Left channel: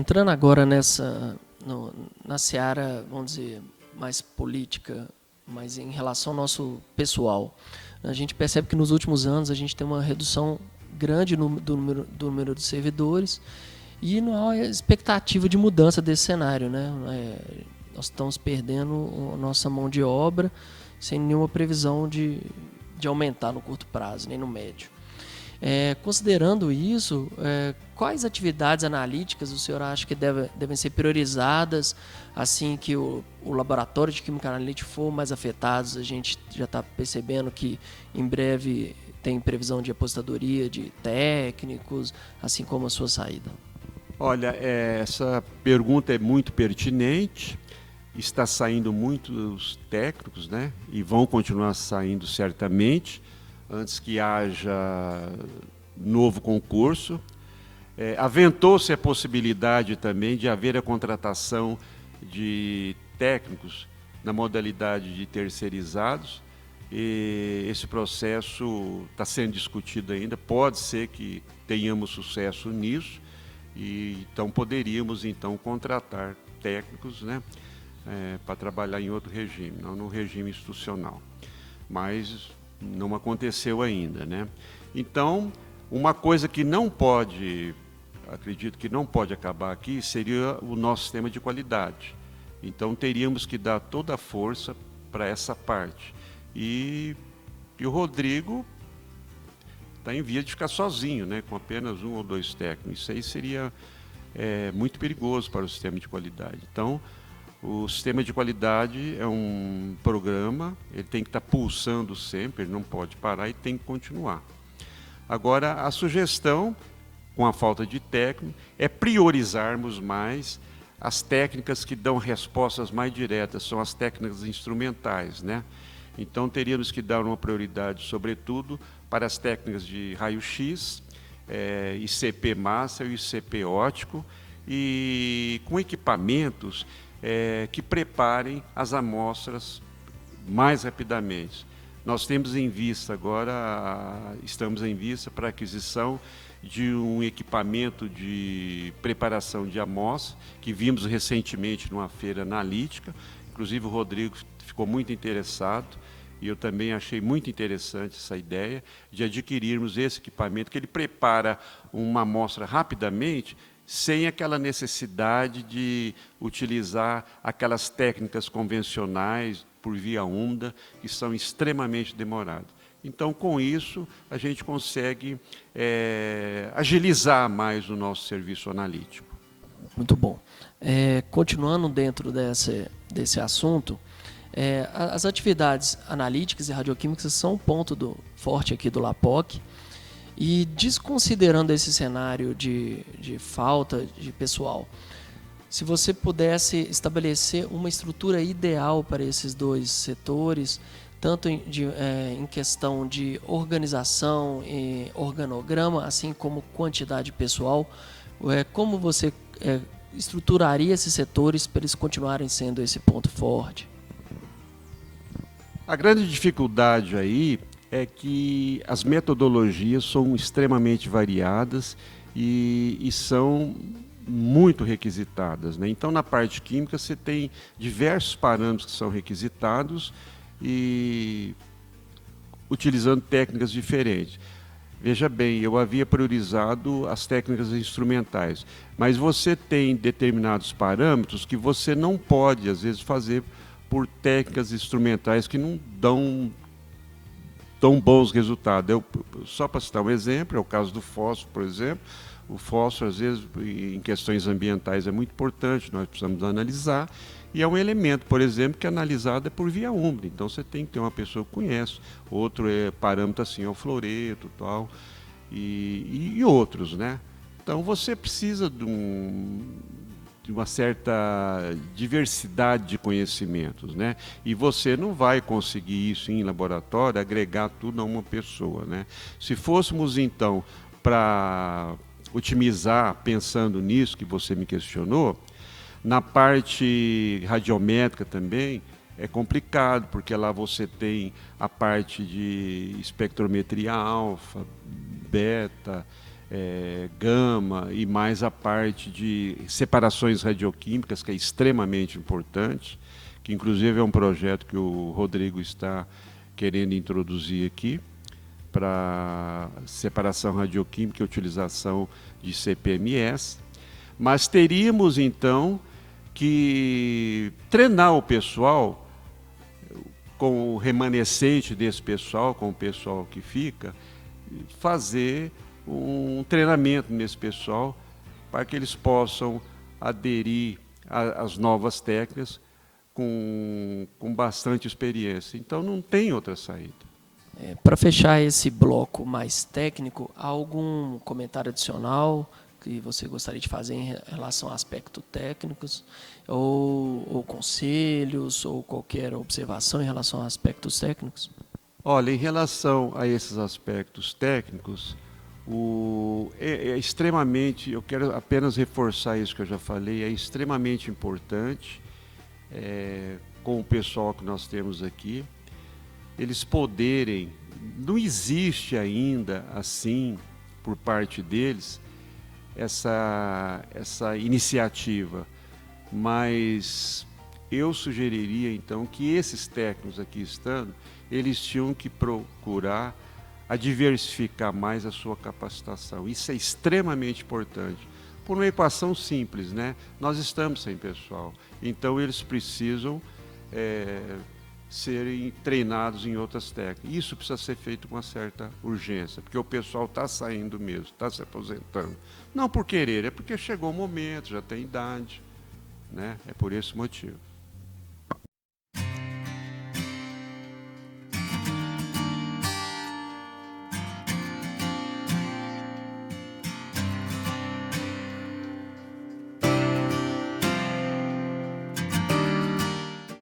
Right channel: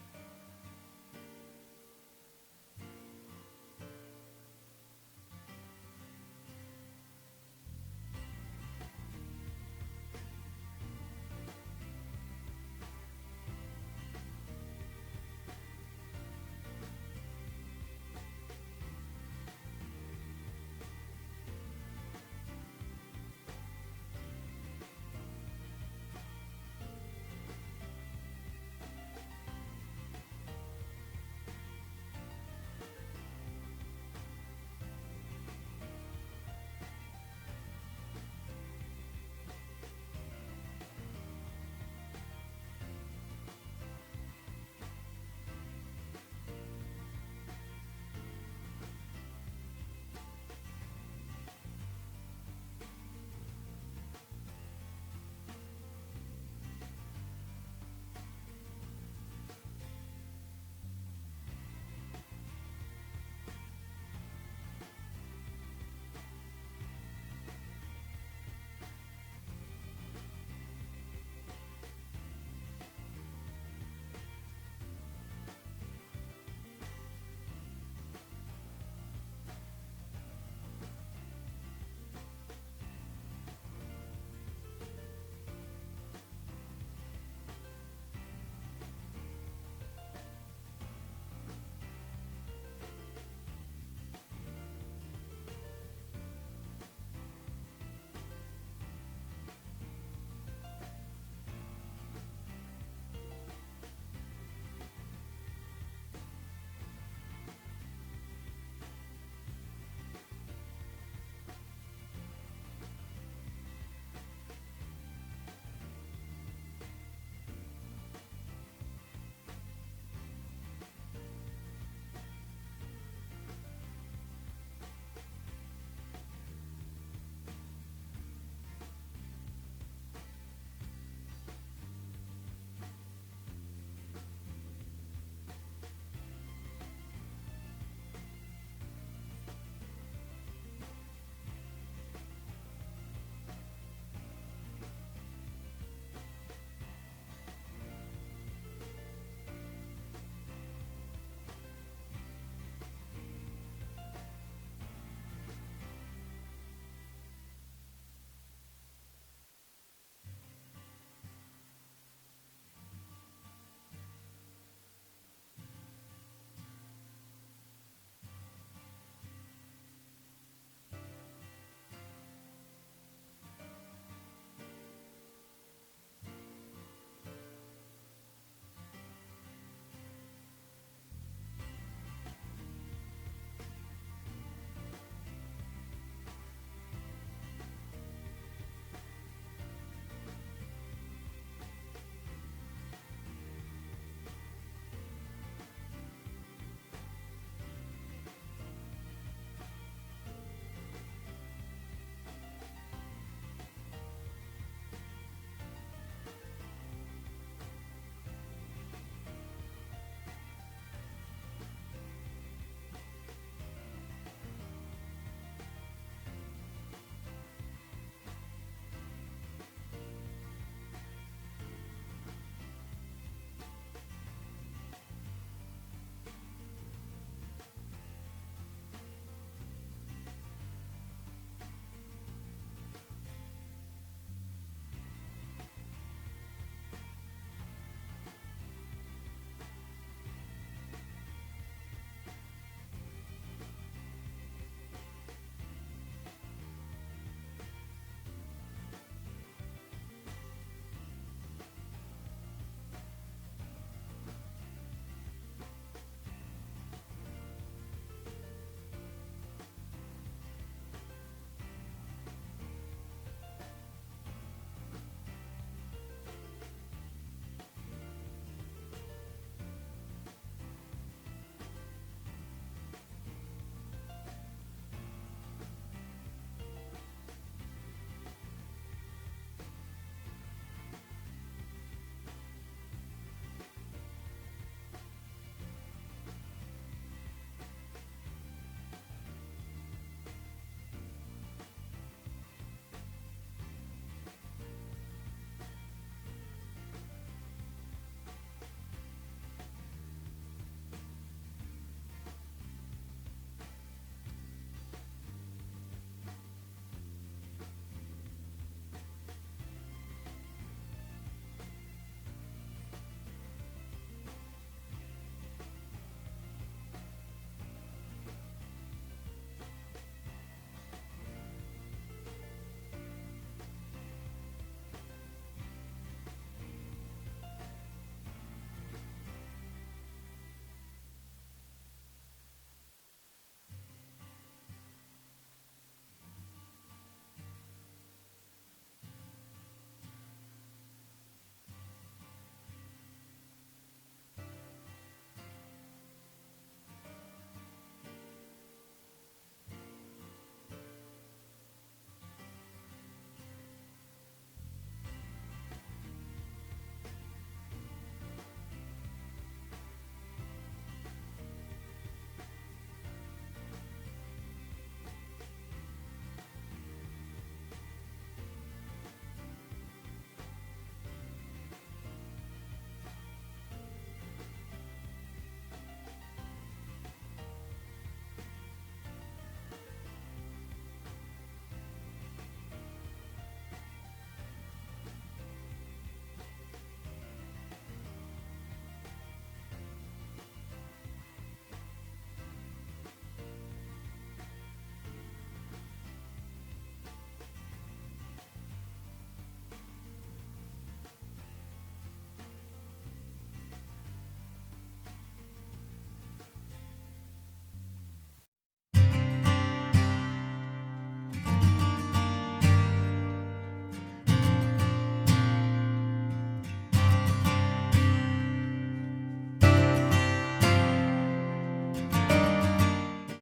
Entrando agora na seara, vamos dizer, mais política, mas em relação ao nosso pessoal, a gente percebe que nos últimos anos a gente tem uma redução grande do número de servidores e não há expectativa de mudança desse cenário, né? Nós estamos perdendo a nossa mão de obra sem nenhuma previsão de aumentar no curto prazo, nem no médio. Considerando isso, quais atividades analíticas o senhor acha que devem ser priorizadas assim que o laboratório de química analítica for mais afetado? A gente já está percebendo que em breve tem previsão de aposentadoria de técnicos, assim como a sua saída. Olha, essa pergunta é muito pertinente. Está saindo muitos técnicos, né? E vão continuar saindo certamente, antes que haja novo concurso. Aventou-se a possibilidade também de haver a contratação de técnicos na modalidade de terceirizados. E esse processo está sendo discutido ainda. Pode ser que tenhamos sucesso nisso, e então poderíamos contratar técnicos, né? Para trabalhar em outro regime, não no regime institucional. Mas não aconteceu ainda, né? Então, uma coisa que não pode, acredito que não pode acabar aqui, seria o nosso sistema de qualidade. Então, teríamos que dar toda a força para essa parte. E o Rodrigo está em via de ficar sozinho, né? Com apenas 1 ou 2 técnicos. Isso aí seria muito perigoso para o sistema de qualidade. Então, o sistema de qualidade é um programa, ele tem que estar pulsando sempre, ele não pode parar e tem que continuar. Agora, a sugestão, com a falta de técnico, é priorizarmos mais as técnicas que dão respostas mais diretas, são as técnicas instrumentais, né? Então, teríamos que dar uma prioridade, sobretudo, para as técnicas de raio-x, ICP massa e ICP óptico, e com equipamentos que preparem as amostras mais rapidamente. Nós temos em vista agora, estamos em vista para a aquisição de um equipamento de preparação de amostras, que vimos recentemente numa feira analítica. Inclusive o Rodrigo ficou muito interessado, e eu também achei muito interessante essa ideia de adquirirmos esse equipamento, que ele prepara uma amostra rapidamente, sem aquela necessidade de utilizar aquelas técnicas convencionais por via úmida, que são extremamente demoradas. Então, com isso, a gente consegue agilizar mais o nosso serviço analítico. Muito bom. Continuando dentro desse assunto, as atividades analíticas e radioquímicas são um ponto forte aqui do LAPOC. E desconsiderando esse cenário de falta de pessoal, se você pudesse estabelecer uma estrutura ideal para esses dois setores, tanto em questão de organização e organograma, assim como quantidade pessoal, como você estruturaria esses setores para eles continuarem sendo esse ponto forte? A grande dificuldade aí é que as metodologias são extremamente variadas e são muito requisitadas, né? Então, na parte química, você tem diversos parâmetros que são requisitados e utilizando técnicas diferentes. Veja bem, eu havia priorizado as técnicas instrumentais, mas você tem determinados parâmetros que você não pode, às vezes, fazer por técnicas instrumentais que não dão tão bons resultados. Só para citar um exemplo, é o caso do fósforo, por exemplo. O fósforo, às vezes, em questões ambientais é muito importante, nós precisamos analisar, e é um elemento, por exemplo, que é analisado por via úmida. Então, você tem que ter uma pessoa que conhece. Outro parâmetro assim, é o fluoreto, tal, e outros, né? Então, você precisa de uma certa diversidade de conhecimentos, né? E você não vai conseguir isso em laboratório, agregar tudo a uma pessoa, né? Se fôssemos, então, para otimizar, pensando nisso que você me questionou, na parte radiométrica também é complicado, porque lá você tem a parte de espectrometria alfa, beta, gama e mais a parte de separações radioquímicas, que é extremamente importante, que inclusive é um projeto que o Rodrigo está querendo introduzir aqui, para separação radioquímica e utilização de CPMS. Mas teríamos então que treinar o pessoal, com o remanescente desse pessoal, com o pessoal que fica, fazer um treinamento nesse pessoal para que eles possam aderir às novas técnicas com bastante experiência. Então não tem outra saída. Para fechar esse bloco mais técnico, há algum comentário adicional que você gostaria de fazer em relação a aspectos técnicos, ou conselhos, ou qualquer observação em relação a aspectos técnicos? Olha, em relação a esses aspectos técnicos, é extremamente, eu quero apenas reforçar isso que eu já falei, é extremamente importante, com o pessoal que nós temos aqui, eles poderem, não existe ainda assim, por parte deles, essa iniciativa, mas eu sugeriria então que esses técnicos aqui estando, eles tinham que procurar a diversificar mais a sua capacitação. Isso é extremamente importante. Por uma equação simples, né? Nós estamos sem pessoal, então eles precisam serem treinados em outras técnicas. Isso precisa ser feito com uma certa urgência, porque o pessoal está saindo mesmo, está se aposentando. Não por querer, é porque chegou o momento, já tem idade, né? É por esse motivo.